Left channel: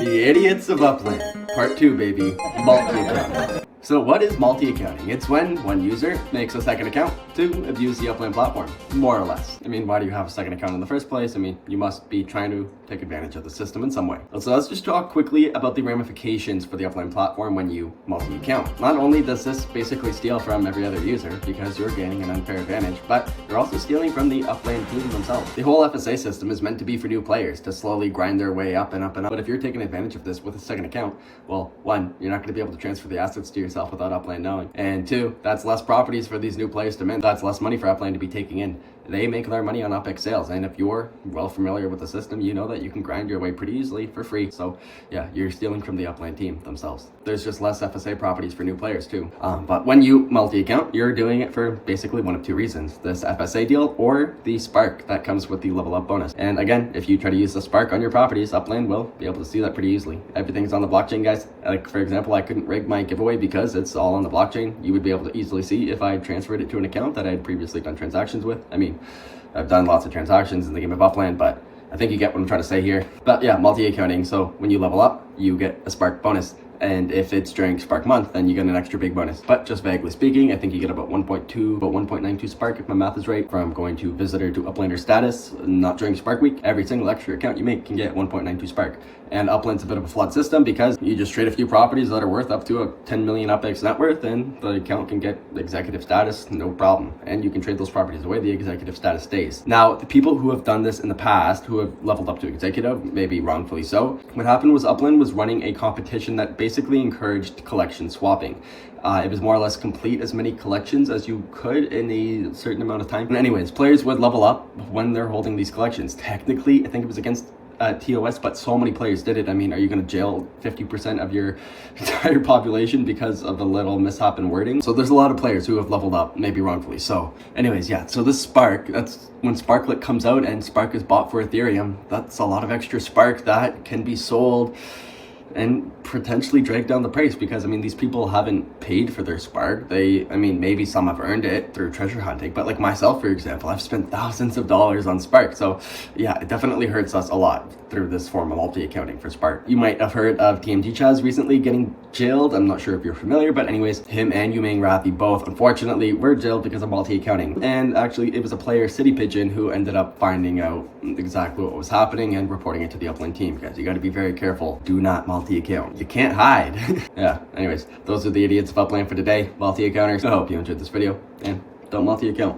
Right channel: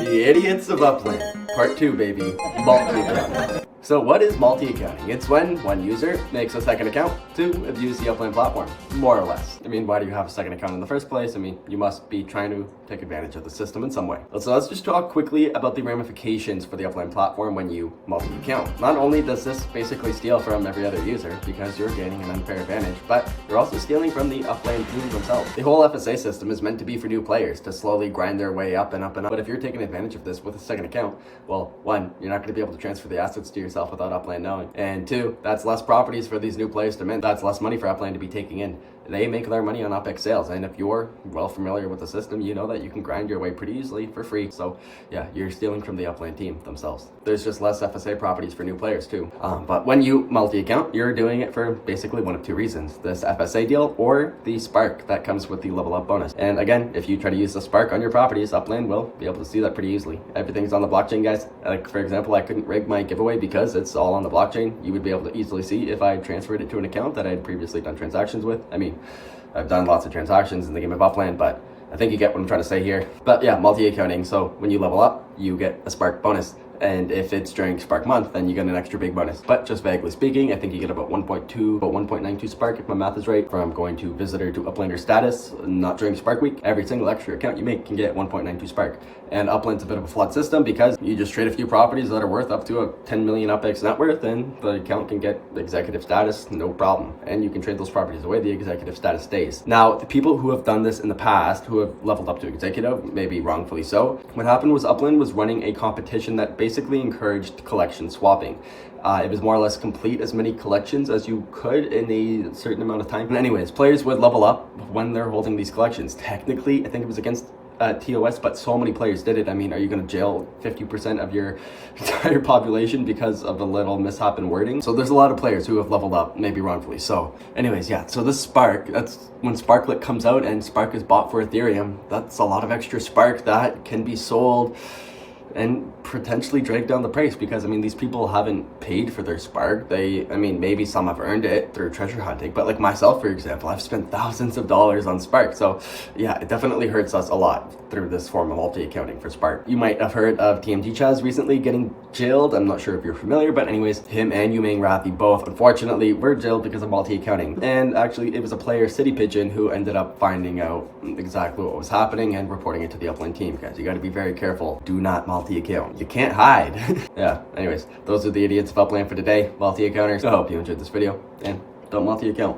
The Idiots of Upland, Part 2, baby. Multi-accounting. So what is multi-accounting? It's when one user makes a second account to abuse the Upland platform, more or less. I mean, why do you have a second account in the first place? I mean, you must be trying to take advantage of the system in some way. So let's just talk quickly about the ramifications for the Upland platform when you multi-account. Not only does this basically steal from every other user because you're gaining an unfair advantage, but you're also stealing from the Upland team themselves. The whole FSA system is meant to be for new players to slowly grind their way up and up and up. But if you're taking advantage of this with a second account, well, one, you're not going to be able to transfer the assets to yourself without Upland knowing. And two, that's less properties for these new players to mint. That's less money for Upland to be taking in. They make their money on UpX sales, and if you're well familiar with the system, you know that you can grind your way pretty easily for free. So yeah, you're stealing from the Upland team themselves. There's just less FSA properties for new players too. But when you multi-account, you're doing it for basically one of two reasons: this FSA deal or the spark that comes with the level up bonus. And again, if you try to use the spark on your properties, Upland will be able to see that pretty easily. Everything's on the blockchain, guys. Like for example, I couldn't rig my giveaway because it's all on the blockchain. You would be able to easily see if I transferred it to an account that I had previously done transactions with. I mean, I've done lots of transactions in the game of Upland, but I think you get what I'm trying to say here. But yeah, multi-accounting. So when you level up, you get a spark bonus. And if it's during Spark month, then you get an extra big bonus. But just vaguely speaking, I think you get about 1.92 Spark, if my math is right, from going to visitor to Uplander status, not during Spark week. Every single extra account you make can get 1.92 Spark. And Upland's a bit of a flawed system because you just trade a few properties that are worth up to a 10 million UpX net worth, and the account can get executive status, no problem. And you can trade those properties away, the executive status stays. Now, the people who have done this in the past, who have leveled up to executive, maybe wrongfully so, what happened was Upland was running a competition that basically encouraged collection swapping. It was more or less complete as many collections as you could in a certain amount of time. And anyways, players would level up when they're holding these collections. Technically, I think it was against TOS, but so many players did it. I mean, are you going to jail 50% of your entire population because of a little mishap in wording? So there's a lot of players who have leveled up, maybe wrongfully. So anyways, yeah, so this Spark, that's when Sparklet comes out and Spark is bought for Ethereum. That's a lot of extra Spark that can be sold and potentially drag down the price, because I mean, these people haven't paid for their Spark. I mean, maybe some have earned it through treasure hunting, but like myself, for example, I've spent thousands of dollars on Spark. So yeah, it definitely hurts us a lot through this form of multi-accounting for Spark. You might have heard of TMT Chaz recently getting jailed. I'm not sure if you're familiar, but anyways, him and Yuming Rathi both, unfortunately, were jailed because of multi-accounting. And actually, it was a player, City Pigeon, who ended up finding out exactly what was happening and reporting it to the Upland team. Guys, you got to be very careful. Do not multi-account. You can't hide. Yeah, anyways, those are the Idiots of Upland for today. Multi-accounters. I hope you enjoyed this video, and don't multi-account.